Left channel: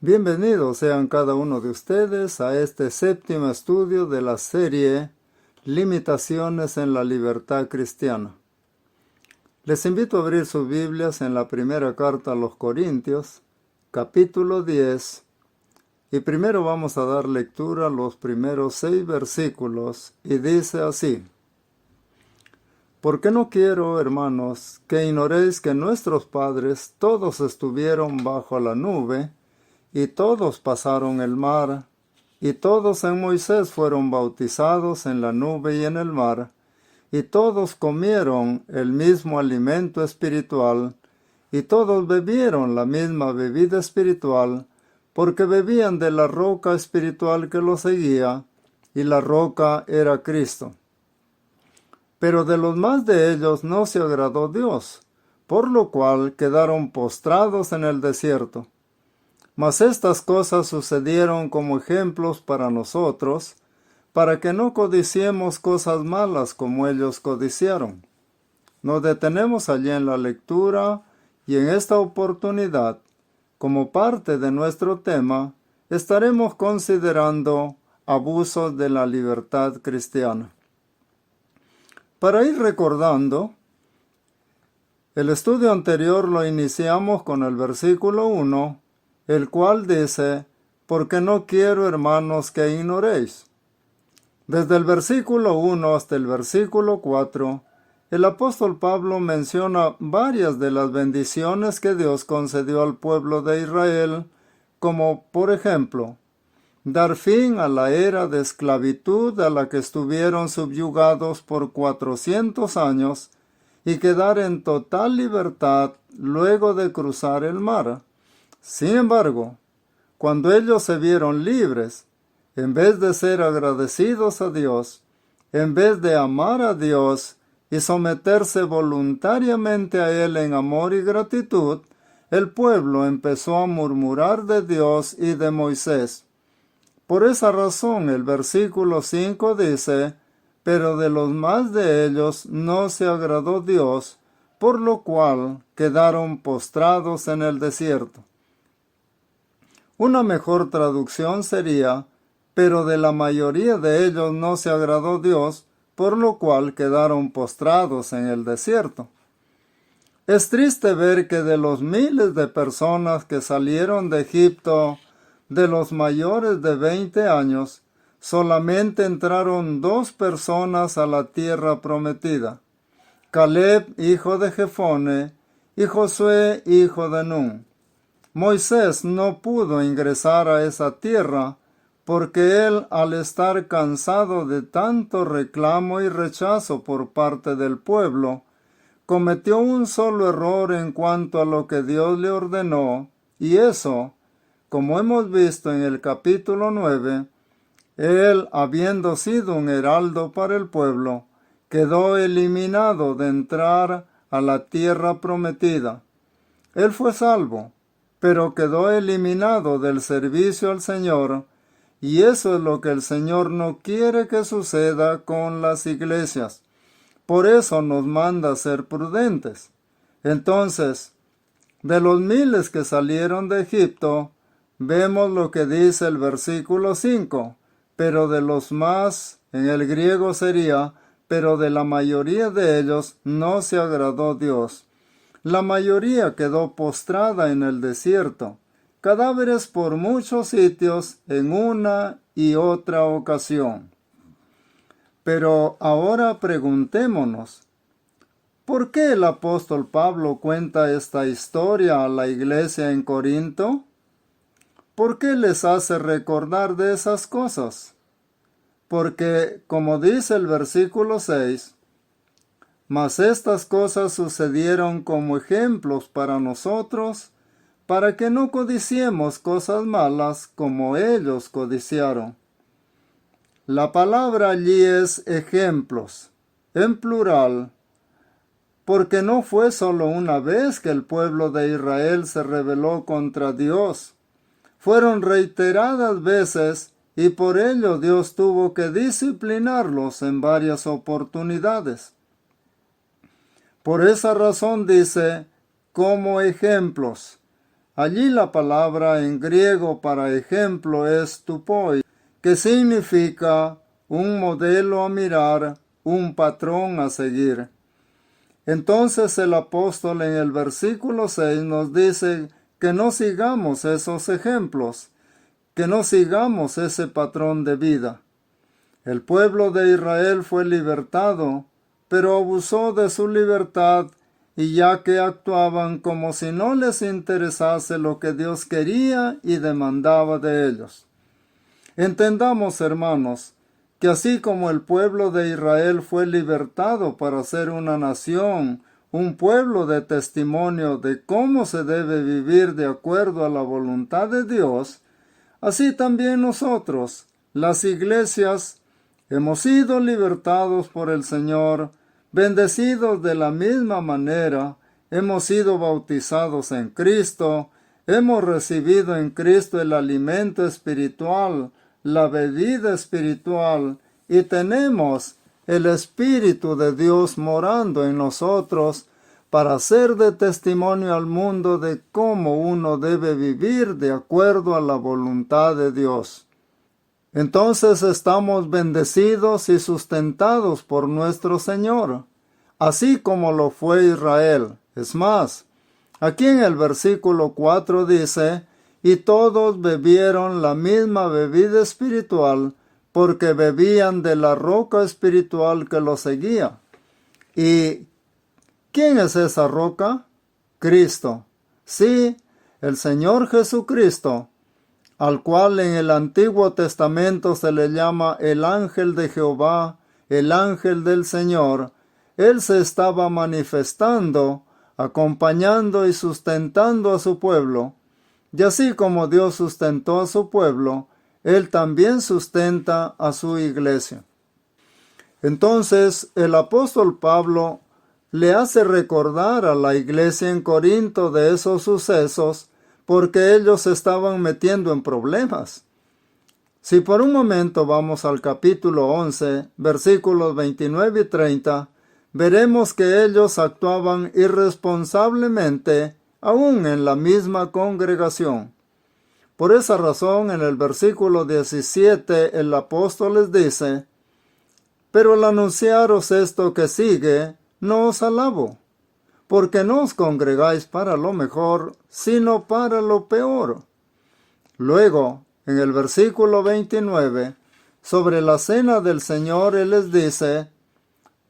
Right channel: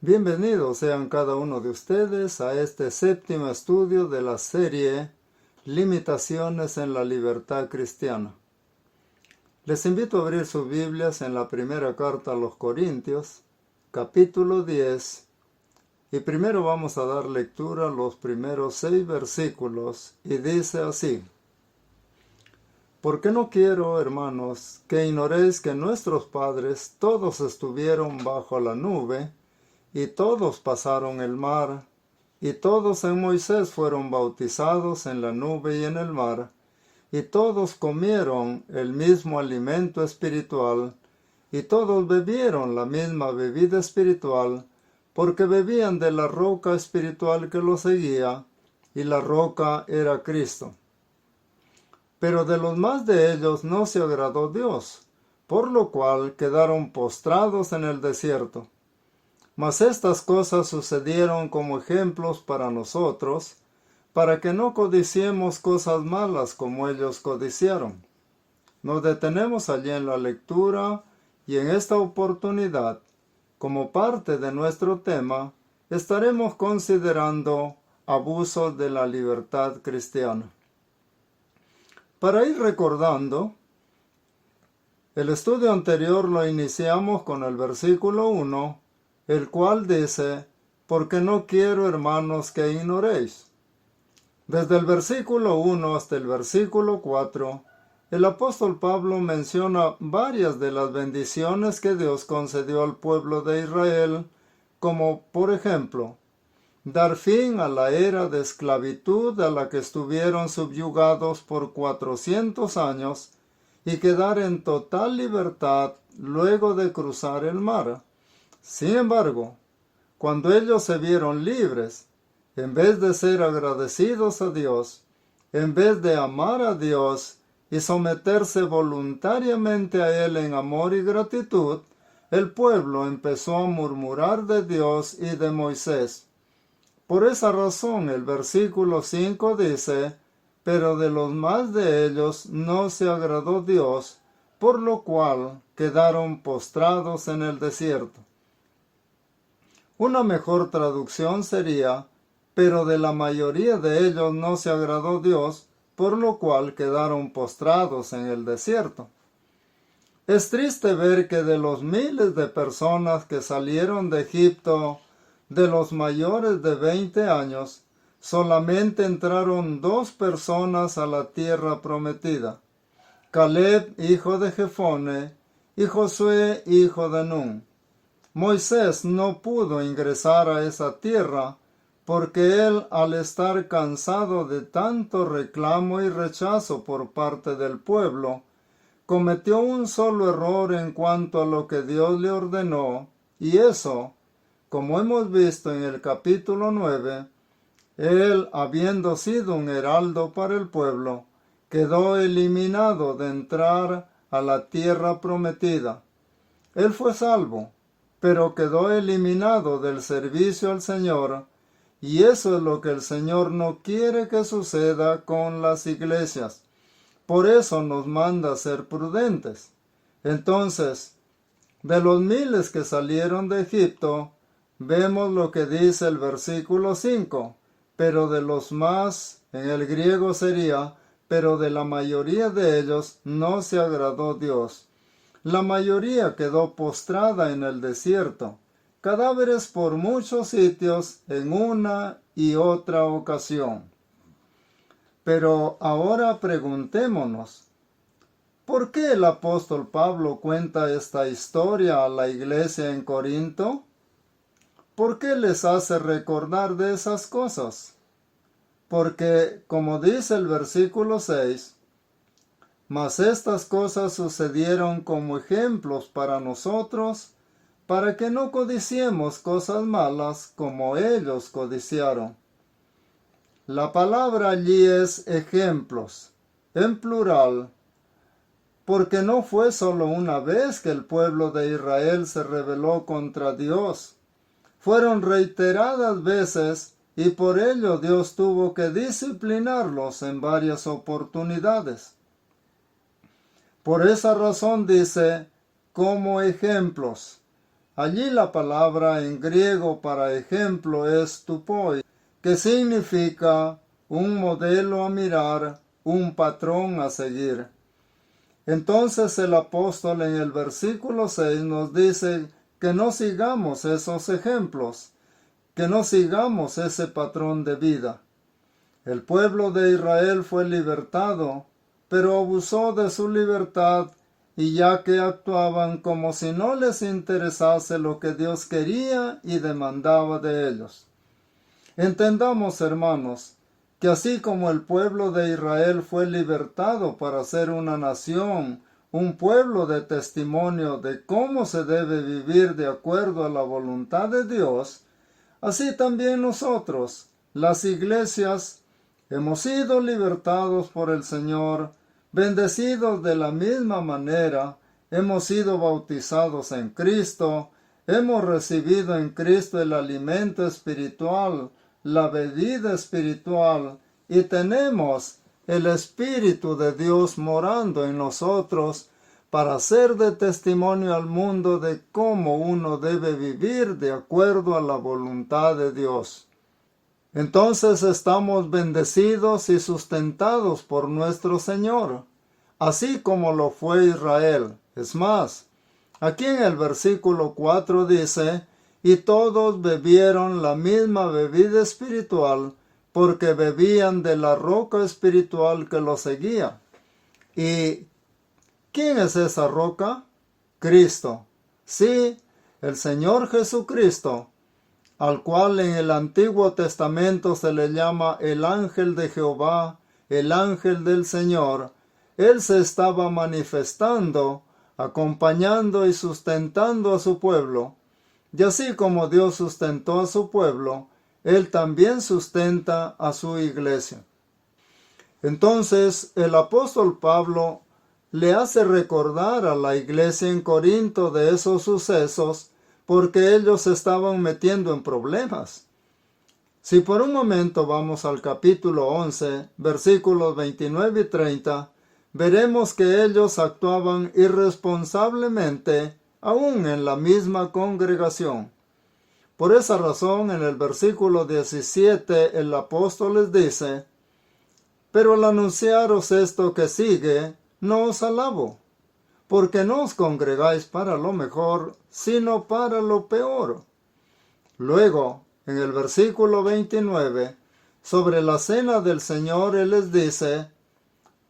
Bienvenidos sean cada uno de ustedes a este séptimo estudio de la serie Limitaciones en la Libertad Cristiana. Les invito a abrir sus Biblias en la primera carta a los Corintios, capítulo 10, y primero vamos a dar lectura a los primeros 6 versículos, y dice así: Porque no quiero, hermanos, que ignoréis que nuestros padres todos estuvieron bajo la nube, y todos pasaron el mar, y todos en Moisés fueron bautizados en la nube y en el mar, y todos comieron el mismo alimento espiritual, y todos bebieron la misma bebida espiritual, porque bebían de la roca espiritual que los seguía, y la roca era Cristo. Pero de los más de ellos no se agradó Dios, por lo cual quedaron postrados en el desierto. Mas estas cosas sucedieron como ejemplos para nosotros, para que no codiciemos cosas malas como ellos codiciaron. Nos detenemos allí en la lectura y en esta oportunidad, como parte de nuestro tema, estaremos considerando abusos de la libertad cristiana. Para ir recordando, el estudio anterior lo iniciamos con el versículo 1, el cual dice: porque no quiero, hermanos, que ignoréis. Desde el versículo 1 hasta el versículo 4, el apóstol Pablo menciona varias de las bendiciones que Dios concedió al pueblo de Israel, como por ejemplo, dar fin a la era de esclavitud a la que estuvieron subyugados por 400 años y quedar en total libertad luego de cruzar el mar. Sin embargo, cuando ellos se vieron libres, en vez de ser agradecidos a Dios, en vez de amar a Dios y someterse voluntariamente a Él en amor y gratitud, el pueblo empezó a murmurar de Dios y de Moisés. Por esa razón el versículo 5 dice: pero de los más de ellos no se agradó Dios, por lo cual quedaron postrados en el desierto. Una mejor traducción sería: pero de la mayoría de ellos no se agradó Dios, por lo cual quedaron postrados en el desierto. Es triste ver que de los miles de personas que salieron de Egipto, de los mayores de 20 años, solamente entraron 2 personas a la tierra prometida: Caleb, hijo de Jefone, y Josué, hijo de Nun. Moisés no pudo ingresar a esa tierra porque él, al estar cansado de tanto reclamo y rechazo por parte del pueblo, cometió un solo error en cuanto a lo que Dios le ordenó, y eso, como hemos visto en el capítulo 9, él, habiendo sido un heraldo para el pueblo, quedó eliminado de entrar a la tierra prometida. Él fue salvo, pero quedó eliminado del servicio al Señor, y eso es lo que el Señor no quiere que suceda con las iglesias. Por eso nos manda ser prudentes. Entonces, de los miles que salieron de Egipto, vemos lo que dice el versículo 5, pero de los más, en el griego sería, pero de la mayoría de ellos no se agradó Dios. La mayoría quedó postrada en el desierto, cadáveres por muchos sitios en una y otra ocasión. Pero ahora preguntémonos, ¿por qué el apóstol Pablo cuenta esta historia a la iglesia en Corinto? ¿Por qué les hace recordar de esas cosas? Porque, como dice el versículo 6, mas estas cosas sucedieron como ejemplos para nosotros, para que no codiciemos cosas malas como ellos codiciaron. La palabra allí es ejemplos, en plural, porque no fue solo una vez que el pueblo de Israel se rebeló contra Dios. Fueron reiteradas veces y por ello Dios tuvo que disciplinarlos en varias oportunidades. Por esa razón dice, como ejemplos. Allí la palabra en griego para ejemplo es tupoi, que significa un modelo a mirar, un patrón a seguir. Entonces el apóstol en el versículo 6 nos dice que no sigamos esos ejemplos, que no sigamos ese patrón de vida. El pueblo de Israel fue libertado, pero abusó de su libertad y ya que actuaban como si no les interesase lo que Dios quería y demandaba de ellos. Entendamos, hermanos, que así como el pueblo de Israel fue libertado para ser una nación, un pueblo de testimonio de cómo se debe vivir de acuerdo a la voluntad de Dios, así también nosotros, las iglesias, hemos sido libertados por el Señor, bendecidos de la misma manera, hemos sido bautizados en Cristo, hemos recibido en Cristo el alimento espiritual, la bebida espiritual, y tenemos el Espíritu de Dios morando en nosotros para ser de testimonio al mundo de cómo uno debe vivir de acuerdo a la voluntad de Dios. Entonces estamos bendecidos y sustentados por nuestro Señor, así como lo fue Israel. Es más, aquí en el versículo 4 dice, y todos bebieron la misma bebida espiritual, porque bebían de la roca espiritual que los seguía. ¿Y quién es esa roca? Cristo. Sí, el Señor Jesucristo, al cual en el Antiguo Testamento se le llama el ángel de Jehová, el ángel del Señor. Él se estaba manifestando, acompañando y sustentando a su pueblo. Y así como Dios sustentó a su pueblo, Él también sustenta a su iglesia. Entonces el apóstol Pablo le hace recordar a la iglesia en Corinto de esos sucesos porque ellos se estaban metiendo en problemas. Si por un momento vamos al capítulo 11, versículos 29 y 30, veremos que ellos actuaban irresponsablemente aún en la misma congregación. Por esa razón, en el versículo 17, el apóstol les dice, pero al anunciaros esto que sigue, no os alabo, porque no os congregáis para lo mejor, sino para lo peor. Luego, en el versículo 29, sobre la cena del Señor, Él les dice,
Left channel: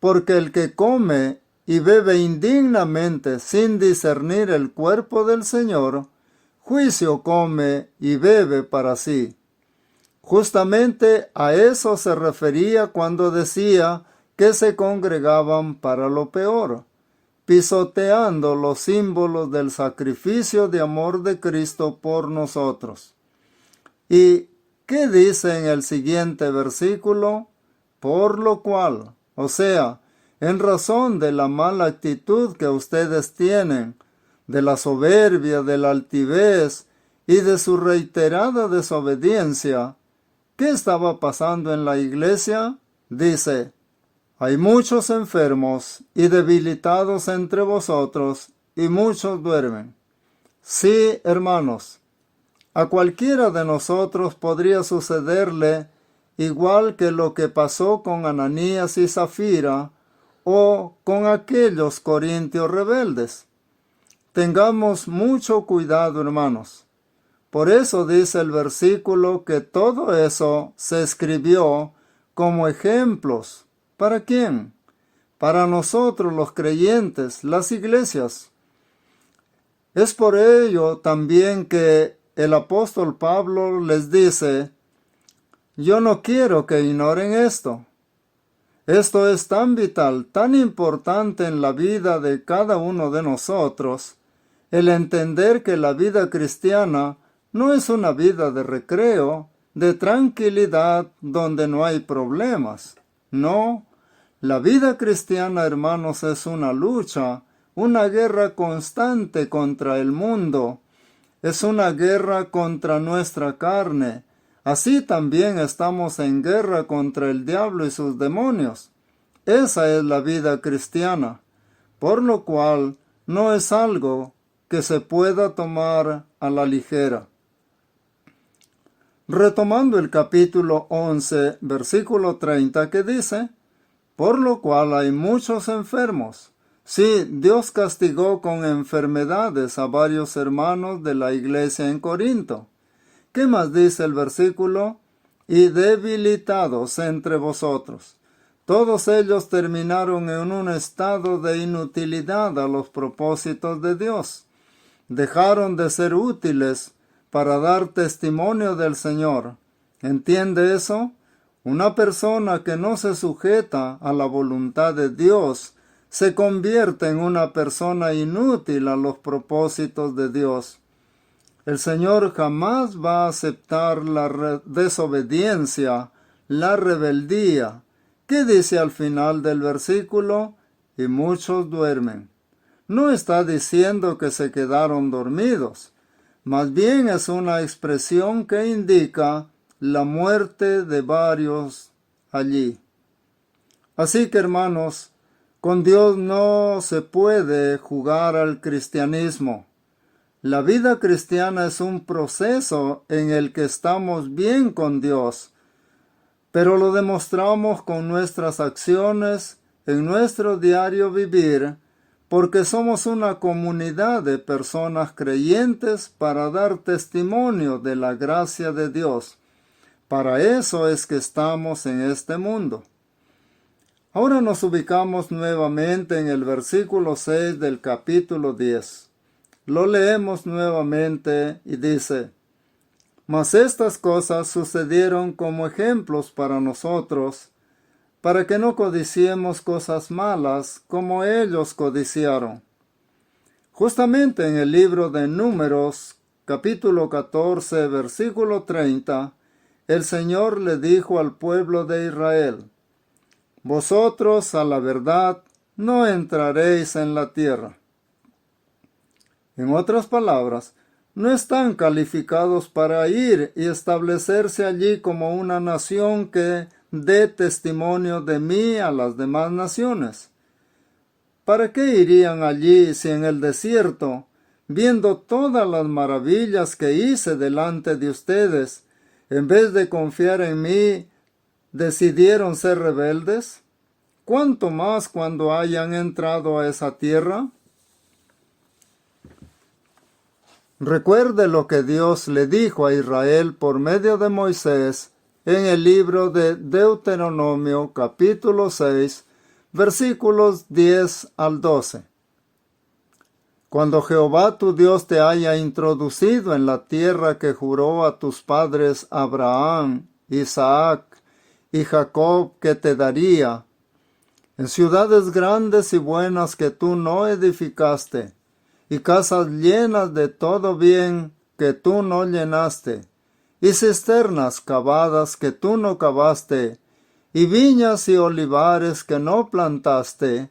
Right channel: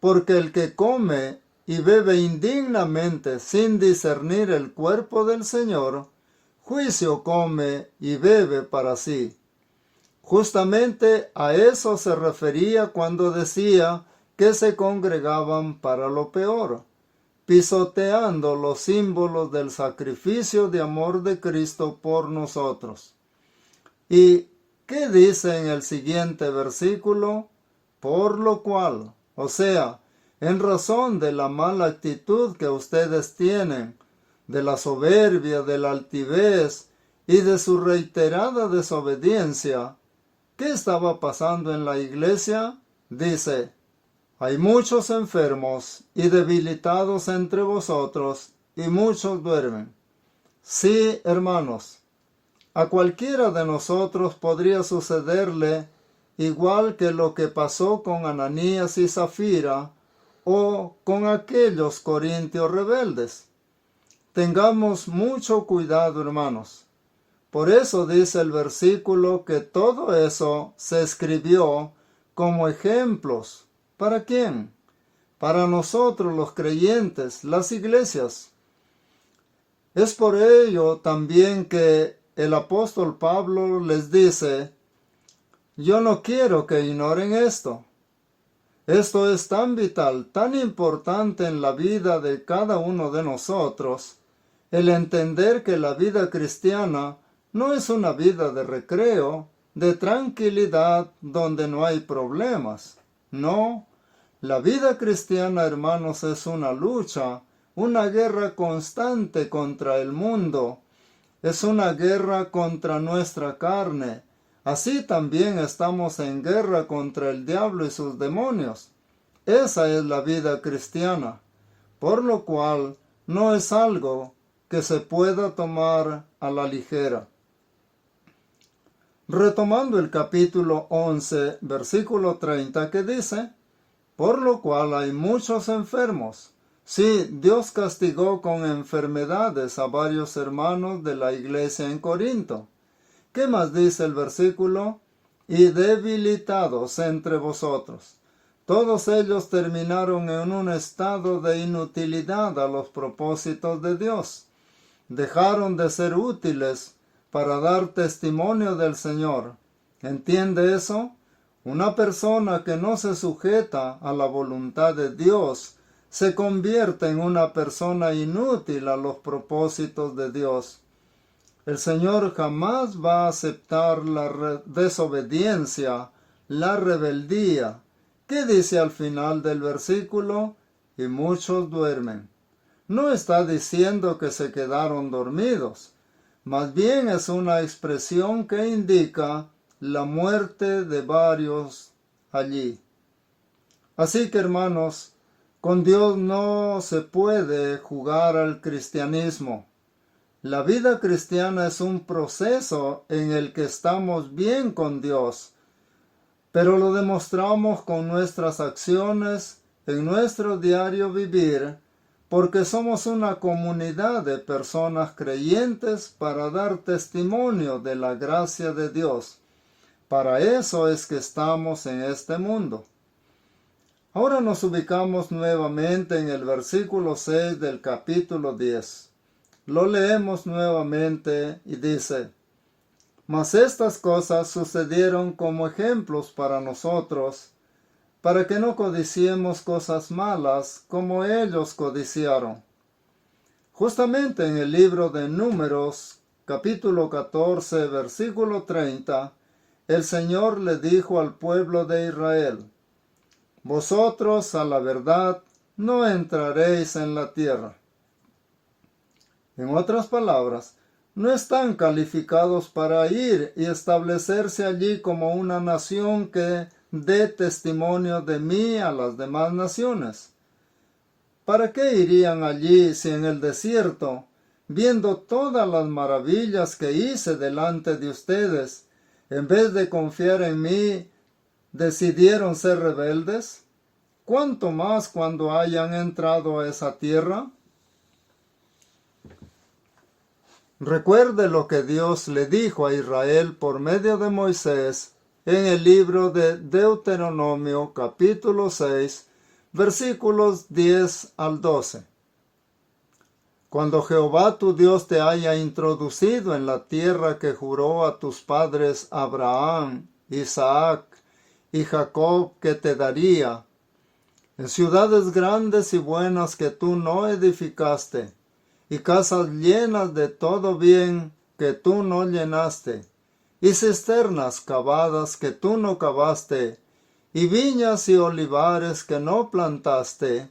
porque el que come y bebe indignamente sin discernir el cuerpo del Señor, juicio come y bebe para sí. Justamente a eso se refería cuando decía que se congregaban para lo peor, pisoteando los símbolos del sacrificio de amor de Cristo por nosotros. ¿Y qué dice en el siguiente versículo? Por lo cual, o sea, en razón de la mala actitud que ustedes tienen, de la soberbia, de la altivez y de su reiterada desobediencia, ¿qué estaba pasando en la iglesia? Dice, hay muchos enfermos y debilitados entre vosotros, y muchos duermen. Sí, hermanos, a cualquiera de nosotros podría sucederle igual que lo que pasó con Ananías y Zafira o con aquellos corintios rebeldes. Tengamos mucho cuidado, hermanos. Por eso dice el versículo que todo eso se escribió como ejemplos. ¿Para quién? Para nosotros los creyentes, las iglesias. Es por ello también que el apóstol Pablo les dice, yo no quiero que ignoren esto. Esto es tan vital, tan importante en la vida de cada uno de nosotros, el entender que la vida cristiana no es una vida de recreo, de tranquilidad donde no hay problemas. No, la vida cristiana, hermanos, es una lucha, una guerra constante contra el mundo. Es una guerra contra nuestra carne. Así también estamos en guerra contra el diablo y sus demonios. Esa es la vida cristiana, por lo cual no es algo que se pueda tomar a la ligera. Retomando el capítulo 11, versículo 30, que dice: por lo cual hay muchos enfermos. Sí, Dios castigó con enfermedades a varios hermanos de la iglesia en Corinto. ¿Qué más dice el versículo? Y debilitados entre vosotros. Todos ellos terminaron en un estado de inutilidad a los propósitos de Dios. Dejaron de ser útiles para dar testimonio del Señor. ¿Entiende eso? Una persona que no se sujeta a la voluntad de Dios se convierte en una persona inútil a los propósitos de Dios. El Señor jamás va a aceptar la desobediencia, la rebeldía. ¿Qué dice al final del versículo? Y muchos duermen. No está diciendo que se quedaron dormidos. Más bien es una expresión que indica la muerte de varios allí. Así que, hermanos, con Dios no se puede jugar al cristianismo. La vida cristiana es un proceso en el que estamos bien con Dios, pero lo demostramos con nuestras acciones en nuestro diario vivir, porque somos una comunidad de personas creyentes para dar testimonio de la gracia de Dios. Para eso es que estamos en este mundo. Ahora nos ubicamos nuevamente en el versículo 6 del capítulo 10. Lo leemos nuevamente y dice: mas estas cosas sucedieron como ejemplos para nosotros, para que no codiciemos cosas malas como ellos codiciaron. Justamente en el libro de Números, capítulo 14, versículo 30, el Señor le dijo al pueblo de Israel: vosotros a la verdad no entraréis en la tierra. En otras palabras, no están calificados para ir y establecerse allí como una nación que dé testimonio de mí a las demás naciones. ¿Para qué irían allí si en el desierto, viendo todas las maravillas que hice delante de ustedes, en vez de confiar en mí, decidieron ser rebeldes? ¿Cuánto más cuando hayan entrado a esa tierra? Recuerde lo que Dios le dijo a Israel por medio de Moisés en el libro de Deuteronomio capítulo 6, versículos 10 al 12. Cuando Jehová tu Dios te haya introducido en la tierra que juró a tus padres Abraham, Isaac y Jacob que te daría, en ciudades grandes y buenas que tú no edificaste, y casas llenas de todo bien que tú no llenaste, y cisternas cavadas que tú no cavaste, y viñas y olivares que no plantaste,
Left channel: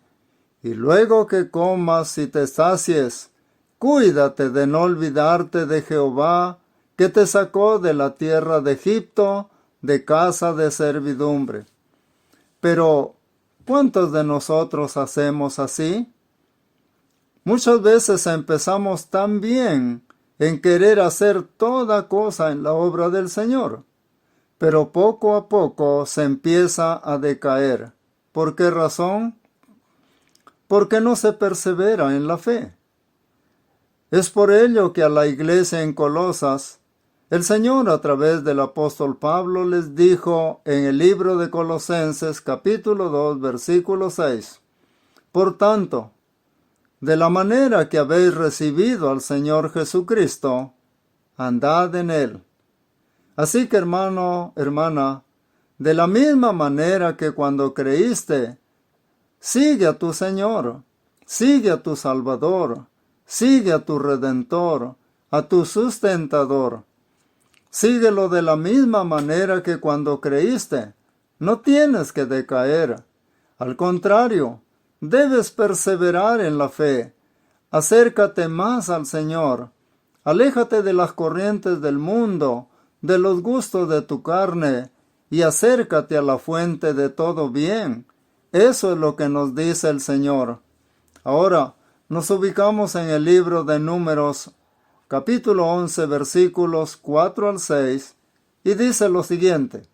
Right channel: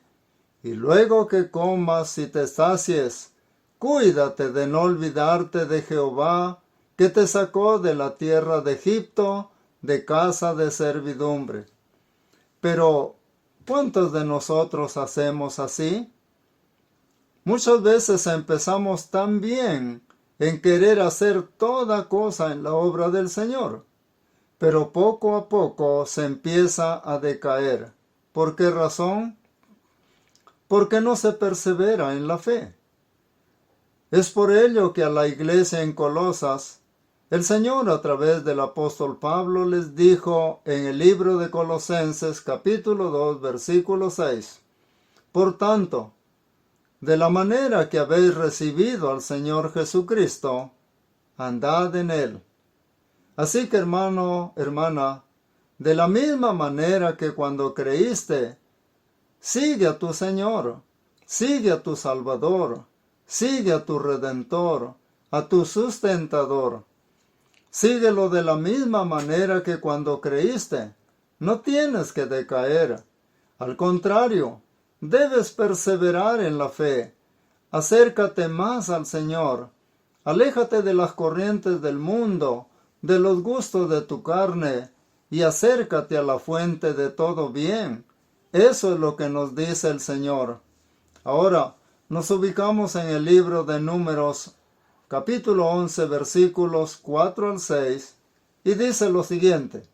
y luego que comas y te sacies, cuídate de no olvidarte de Jehová, que te sacó de la tierra de Egipto, de casa de servidumbre. Pero, ¿cuántos de nosotros hacemos así? Muchas veces empezamos tan bien en querer hacer toda cosa en la obra del Señor, pero poco a poco se empieza a decaer. ¿Por qué razón? Porque no se persevera en la fe. Es por ello que a la iglesia en Colosas, el Señor a través del apóstol Pablo les dijo en el libro de Colosenses capítulo 2 versículo 6: por tanto, de la manera que habéis recibido al Señor Jesucristo, andad en él. Así que, hermano, hermana, de la misma manera que cuando creíste, sigue a tu Señor, sigue a tu Salvador, sigue a tu Redentor, a tu sustentador. Síguelo de la misma manera que cuando creíste. No tienes que decaer. Al contrario, debes perseverar en la fe. Acércate más al Señor. Aléjate de las corrientes del mundo, de los gustos de tu carne, y acércate a la fuente de todo bien. Eso es lo que nos dice el Señor. Ahora, nos ubicamos en el libro de Números, capítulo 11, versículos 4 al 6, y dice lo siguiente:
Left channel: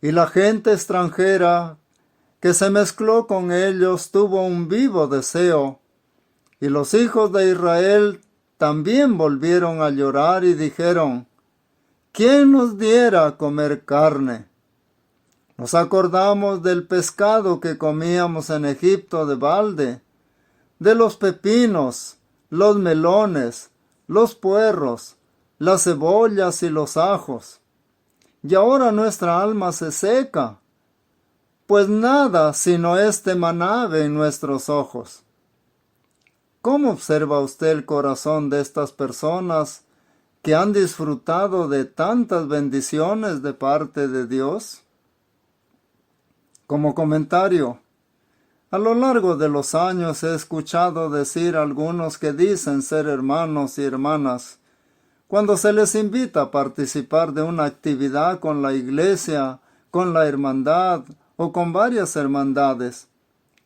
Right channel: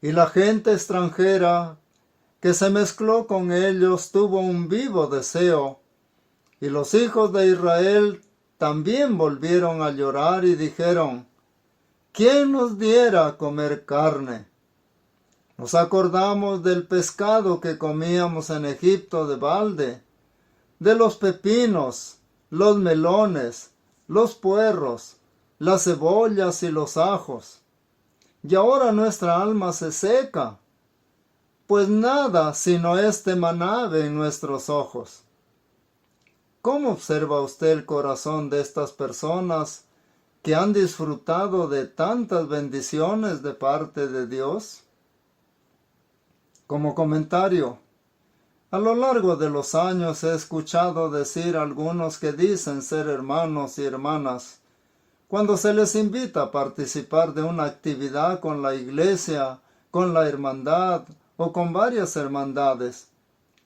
Y la gente extranjera que se mezcló con ellos tuvo un vivo deseo, y los hijos de Israel también volvieron a llorar y dijeron: ¿Quién nos diera a comer carne? Nos acordamos del pescado que comíamos en Egipto de balde, de los pepinos, los melones, los puerros, las cebollas y los ajos. Y ahora nuestra alma se seca, pues nada sino este maná ve en nuestros ojos. ¿Cómo observa usted el corazón de estas personas que han disfrutado de tantas bendiciones de parte de Dios? Como comentario, a lo largo de los años he escuchado decir a algunos que dicen ser hermanos y hermanas, cuando se les invita a participar de una actividad con la iglesia, con la hermandad o con varias hermandades:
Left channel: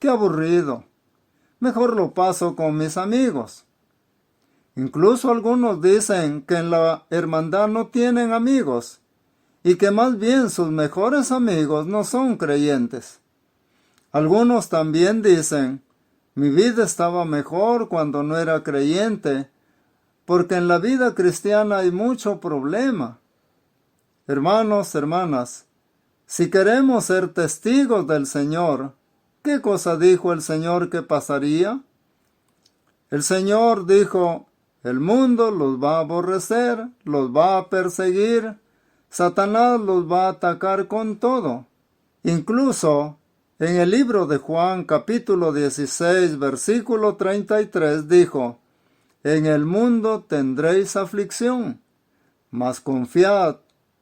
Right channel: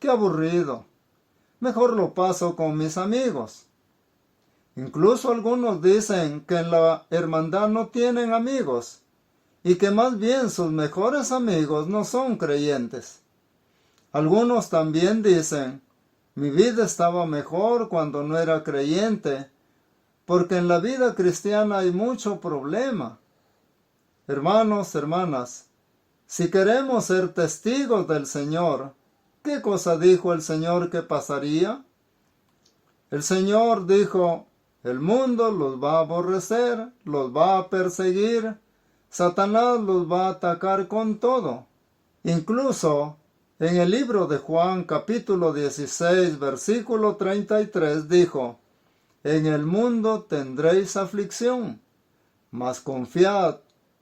¡qué aburrido! Mejor lo paso con mis amigos. Incluso algunos dicen que en la hermandad no tienen amigos y que más bien sus mejores amigos no son creyentes. Algunos también dicen: mi vida estaba mejor cuando no era creyente, porque en la vida cristiana hay mucho problema. Hermanos, hermanas, si queremos ser testigos del Señor, ¿qué cosa dijo el Señor que pasaría? El Señor dijo: el mundo los va a aborrecer, los va a perseguir, Satanás los va a atacar con todo. Incluso en el libro de Juan, capítulo 16, versículo 33, dijo: en el mundo tendréis aflicción, mas confiad,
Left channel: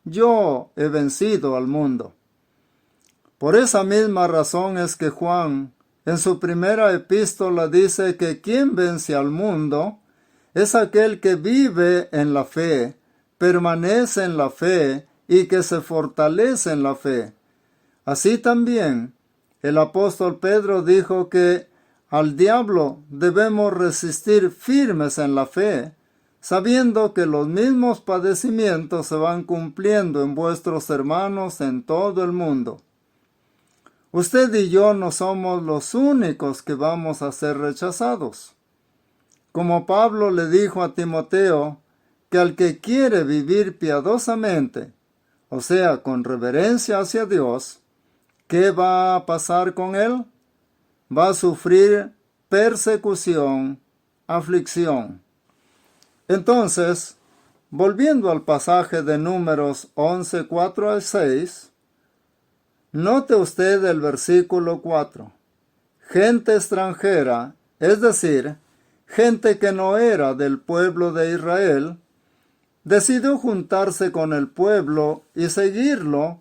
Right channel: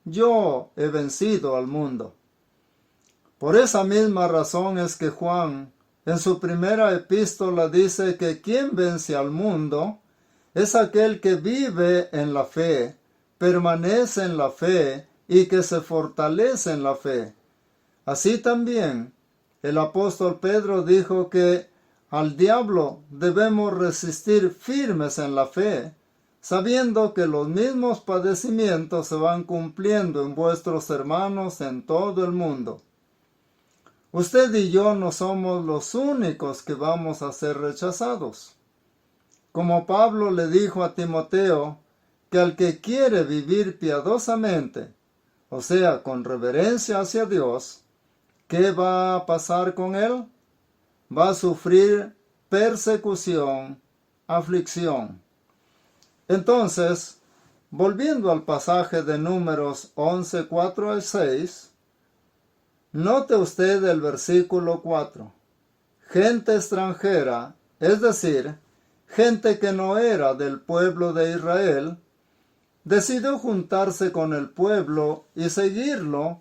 yo he vencido al mundo. Por esa misma razón es que Juan, en su primera epístola, dice que quien vence al mundo es aquel que vive en la fe, permanece en la fe y que se fortalece en la fe. Así también, el apóstol Pedro dijo que al diablo debemos resistir firmes en la fe, sabiendo que los mismos padecimientos se van cumpliendo en vuestros hermanos en todo el mundo. Usted y yo no somos los únicos que vamos a ser rechazados. Como Pablo le dijo a Timoteo, que al que quiere vivir piadosamente, o sea, con reverencia hacia Dios, ¿qué va a pasar con él? Va a sufrir persecución, aflicción. Entonces, volviendo al pasaje de Números 11, 4 al 6, note usted el versículo 4. Gente extranjera, es decir, gente que no era del pueblo de Israel, decidió juntarse con el pueblo y seguirlo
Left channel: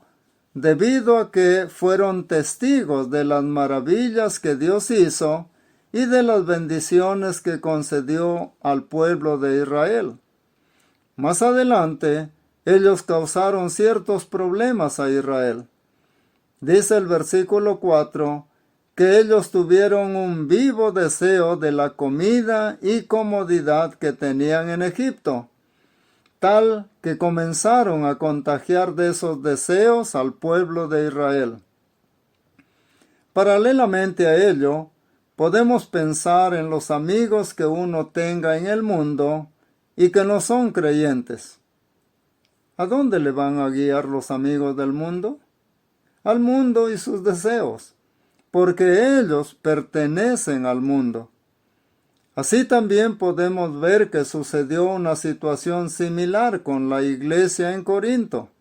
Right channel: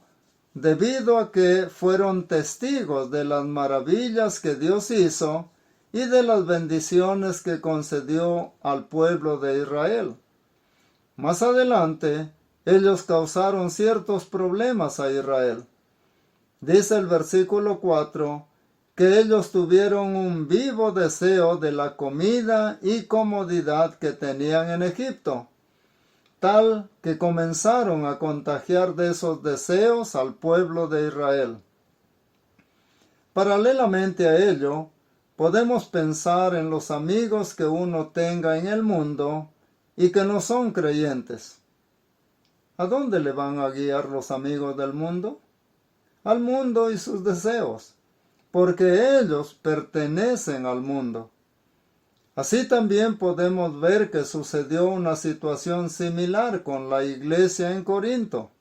debido a que fueron testigos de las maravillas que Dios hizo y de las bendiciones que concedió al pueblo de Israel. Más adelante, ellos causaron ciertos problemas a Israel. Dice el versículo 4 que ellos tuvieron un vivo deseo de la comida y comodidad que tenían en Egipto, tal que comenzaron a contagiar de esos deseos al pueblo de Israel. Paralelamente a ello, podemos pensar en los amigos que uno tenga en el mundo y que no son creyentes. ¿A dónde le van a guiar los amigos del mundo? Al mundo y sus deseos, porque ellos pertenecen al mundo. Así también podemos ver que sucedió una situación similar con la iglesia en Corinto.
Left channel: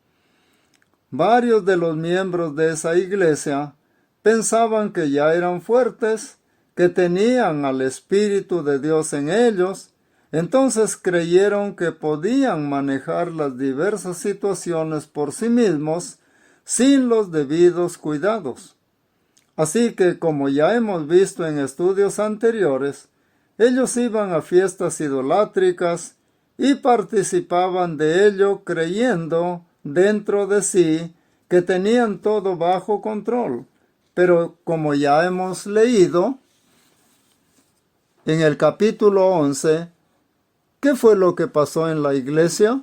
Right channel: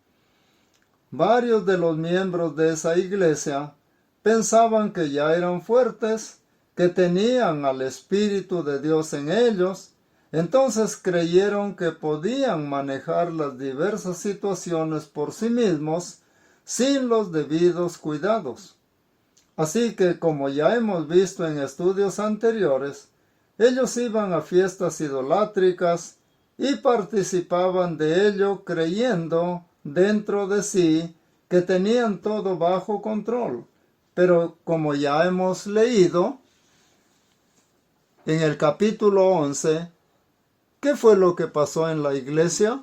Varios de los miembros de esa iglesia pensaban que ya eran fuertes, que tenían al Espíritu de Dios en ellos, entonces creyeron que podían manejar las diversas situaciones por sí mismos sin los debidos cuidados. Así que, como ya hemos visto en estudios anteriores, ellos iban a fiestas idolátricas y participaban de ello creyendo dentro de sí que tenían todo bajo control. Pero como ya hemos leído, en el capítulo 11, ¿qué fue lo que pasó en la iglesia?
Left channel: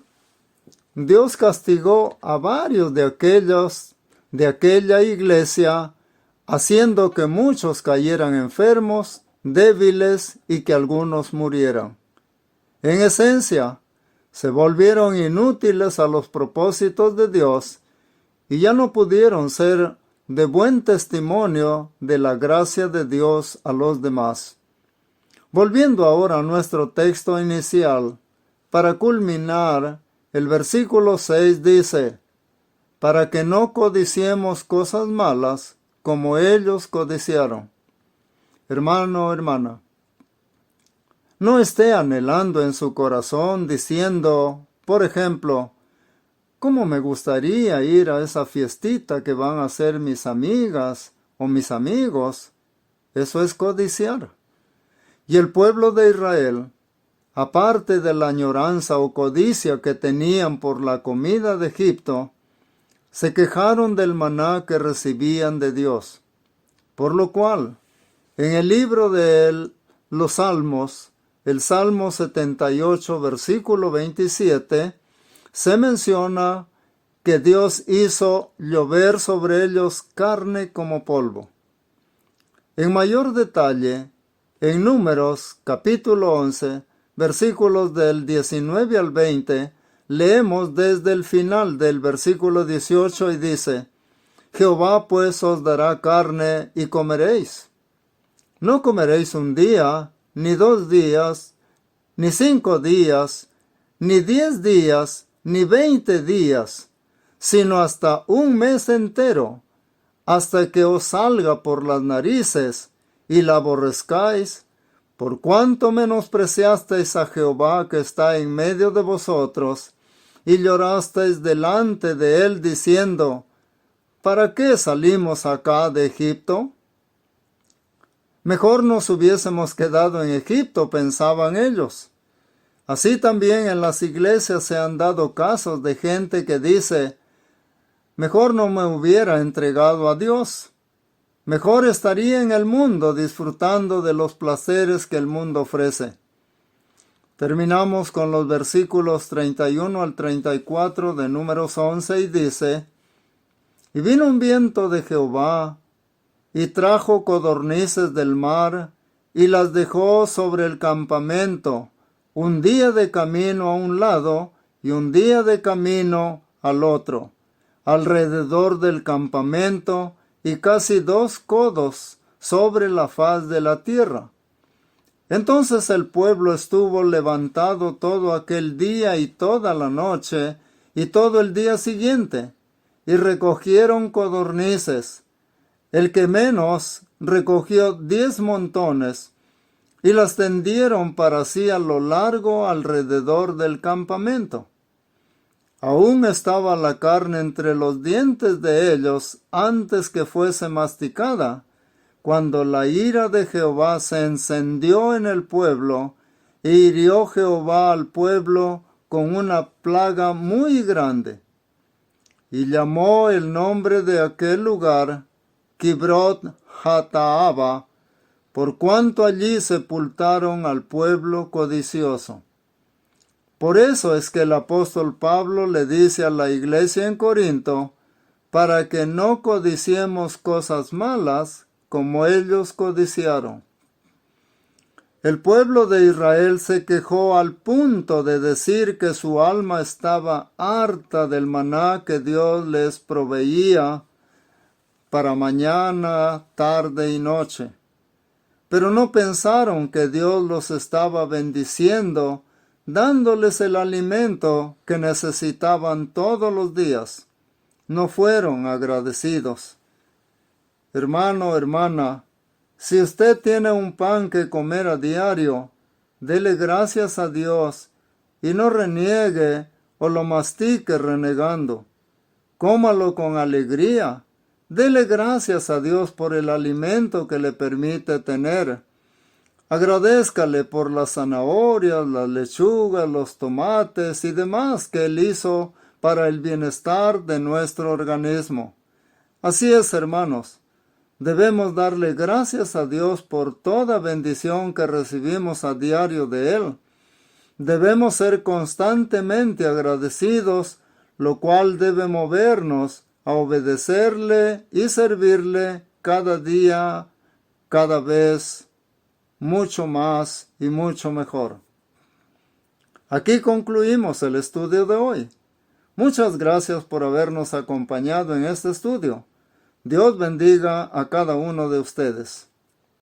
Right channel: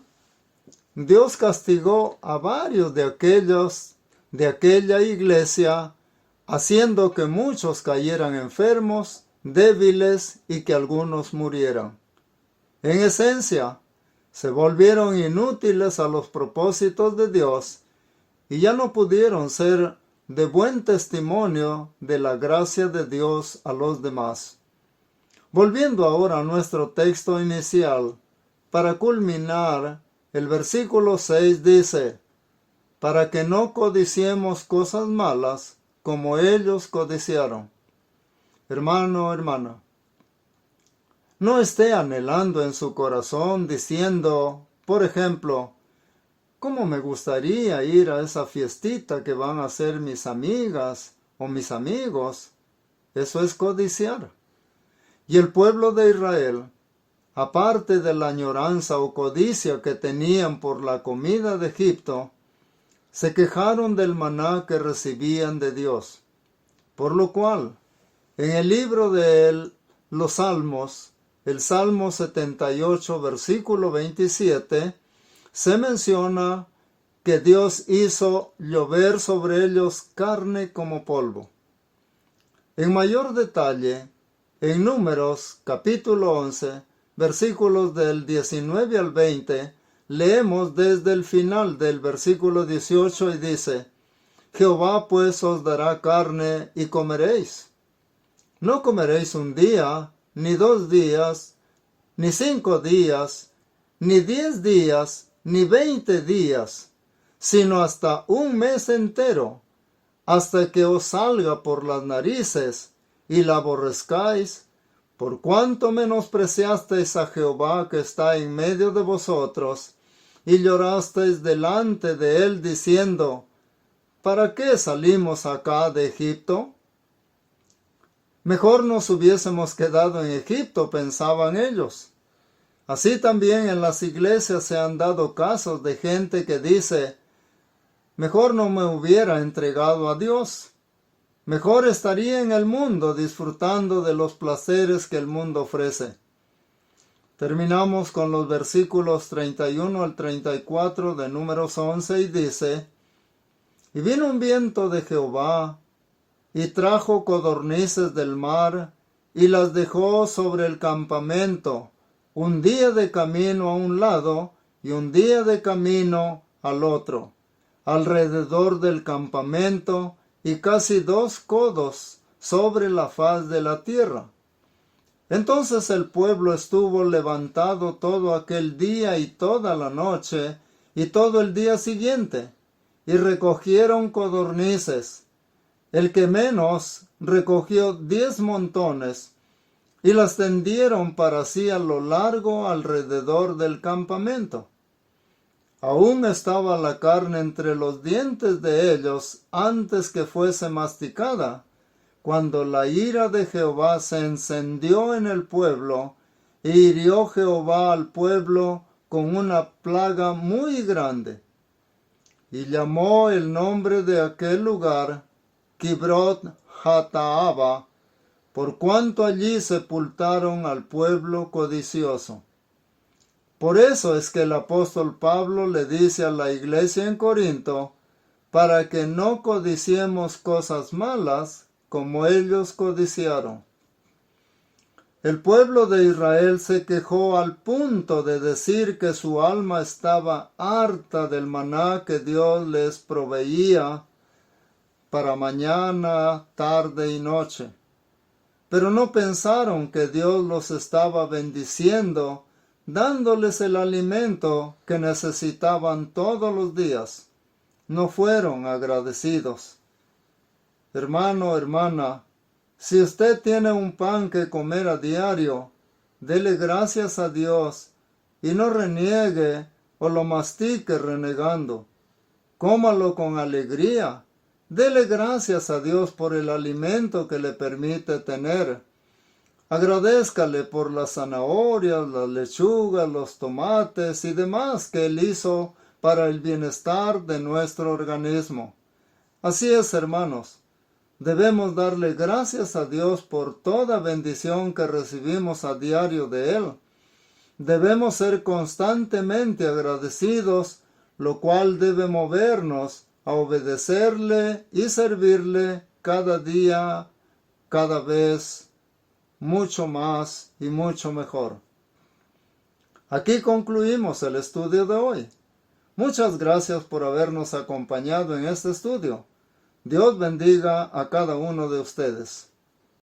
Dios castigó a varios de aquella iglesia, haciendo que muchos cayeran enfermos, débiles y que algunos murieran. En esencia, se volvieron inútiles a los propósitos de Dios y ya no pudieron ser de buen testimonio de la gracia de Dios a los demás. Volviendo ahora a nuestro texto inicial, para culminar, el versículo 6 dice: para que no codiciemos cosas malas como ellos codiciaron. Hermano, hermana, no esté anhelando en su corazón diciendo, por ejemplo, ¿cómo me gustaría ir a esa fiestita que van a hacer mis amigas o mis amigos? Eso es codiciar. Y el pueblo de Israel, aparte de la añoranza o codicia que tenían por la comida de Egipto, se quejaron del maná que recibían de Dios. Por lo cual, en el libro de los Salmos, el Salmo 78, versículo 27, se menciona que Dios hizo llover sobre ellos carne como polvo. En mayor detalle, en Números, capítulo 11, versículos del 19 al 20, leemos desde el final del versículo 18 y dice: Jehová pues os dará carne y comeréis. No comeréis un día, ni 2 días, ni 5 días, ni 10 días, ni 20 días, sino hasta un mes entero, hasta que os salga por las narices y la aborrezcáis, por cuanto menospreciasteis a Jehová que está en medio de vosotros, y llorasteis delante de él diciendo: ¿para qué salimos acá de Egipto? Mejor nos hubiésemos quedado en Egipto, pensaban ellos. Así también en las iglesias se han dado casos de gente que dice: mejor no me hubiera entregado a Dios. Mejor estaría en el mundo disfrutando de los placeres que el mundo ofrece. Terminamos con los versículos 31 al 34 de Números 11 y dice: y vino un viento de Jehová, y trajo codornices del mar, y las dejó sobre el campamento, un día de camino a un lado, y un día de camino al otro, alrededor del campamento, y casi 2 codos sobre la faz de la tierra. Entonces el pueblo estuvo levantado todo aquel día y toda la noche, y todo el día siguiente, y recogieron codornices. El que menos recogió 10 montones, y las tendieron para sí a lo largo alrededor del campamento. Aún estaba la carne entre los dientes de ellos antes que fuese masticada, cuando la ira de Jehová se encendió en el pueblo, e hirió Jehová al pueblo con una plaga muy grande. Y llamó el nombre de aquel lugar Kibrot Hataaba, por cuanto allí sepultaron al pueblo codicioso. Por eso es que el apóstol Pablo le dice a la iglesia en Corinto, para que no codiciemos cosas malas como ellos codiciaron. El pueblo de Israel se quejó al punto de decir que su alma estaba harta del maná que Dios les proveía para mañana, tarde y noche. Pero no pensaron que Dios los estaba bendiciendo, dándoles el alimento que necesitaban todos los días. No fueron agradecidos. Hermano, hermana, si usted tiene un pan que comer a diario, dele gracias a Dios y no reniegue o lo mastique renegando. Cómalo con alegría. Dele gracias a Dios por el alimento que le permite tener. Agradézcale por las zanahorias, las lechugas, los tomates y demás que Él hizo para el bienestar de nuestro organismo. Así es, hermanos. Debemos darle gracias a Dios por toda bendición que recibimos a diario de Él. Debemos ser constantemente agradecidos, lo cual debe movernos a obedecerle y servirle cada día, cada vez, mucho más y mucho mejor. Aquí concluimos el estudio de hoy. Muchas gracias por habernos acompañado en este estudio. Dios bendiga a cada uno de ustedes.